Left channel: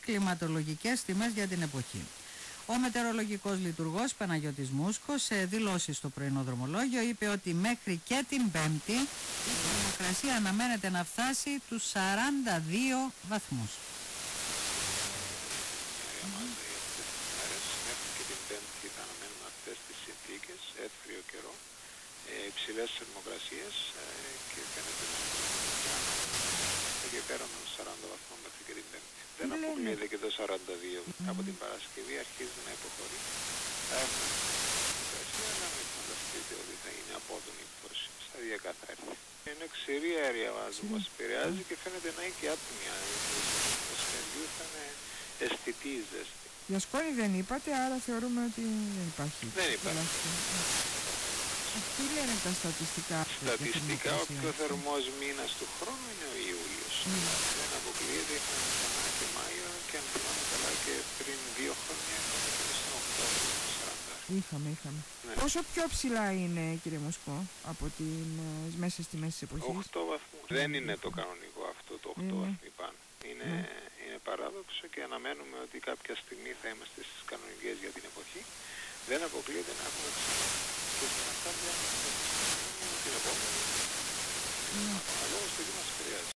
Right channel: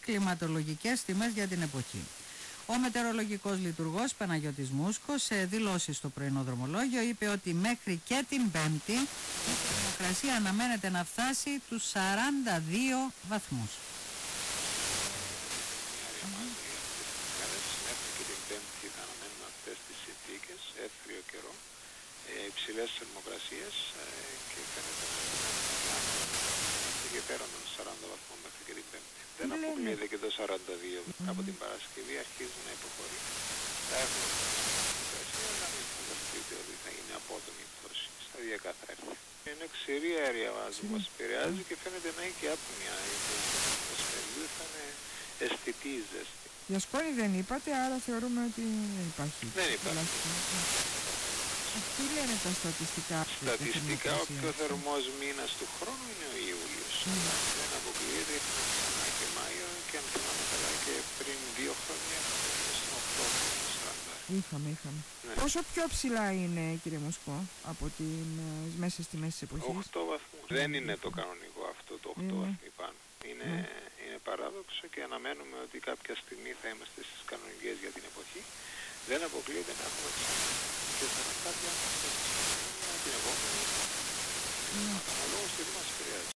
κλιματολογικές τιμές για την εποχή. Ο μετεωρολογικός λειτουργός Παναγιώτης Μούσκος σε δηλώσεις στο πρωινό δρομολόγιο είπε ότι μέχρι και την Πέμπτη η θερμοκρασία αναμένεται να φτάσει τους 42 βαθμούς. Μια μάζα για αυτές τις μέρες. Μέχρι και την Πέμπτη θα αναμένουμε αυτές τις συνθήκες, εύθριο καιρό, υψηλές θερμοκρασίες και φαίνεται να είμαστε και πέραν των 40 βαθμών μέχρι και την Πέμπτη. Δεν αποκλείεται και το 42. Από την Παρασκευή αρχίζει να υποχωρεί. Θα έχουμε θερμοκρασία, αλλά μην φανταστείτε ότι θα είναι απότομη πτώση. Σταδιακά θα έρθει. Είναι ξηρή αέρια βάζου που μας επηρεάζει και φαίνεται να έχει και άπνοια. Γιατί η ζώνη του μεσημεριού θα είναι αισθητή η ζέστη. Για σκόνη δεν είπατε, άρα θεωρούμε ότι δεν υπάρχει. Δεν υπάρχει. Τι λένε τα στατιστικά? Στατιστικά ο πιο θερμός μήνας του χρόνου είναι ο Ιούλιος. Δεν αποκλείεται, είχαμε ξανά και Μάιο και αν θυμάμαι καλά και πριν 2 χρόνια είχαμε και στον Οκτώβριο με 40. Είχαμε. Ναι. Πόσο πιο ψηλά είναι, κύριε Μουσκό, από τις μέσες τιμές της εποχής? 8 βαθμούς. Δεν είναι το κανονικό αυτό το 8 βαθμοί πάνω. Είναι παράδοξο και αναμένουμε ότι κάποια στιγμή θα είμαστε στις κανονικές για την εποχή. Δεν αποκλείεται να έχουμε ξανά και 40 μέσα στην την επόμενη. Αναλόγως τι μας επηρεάζει.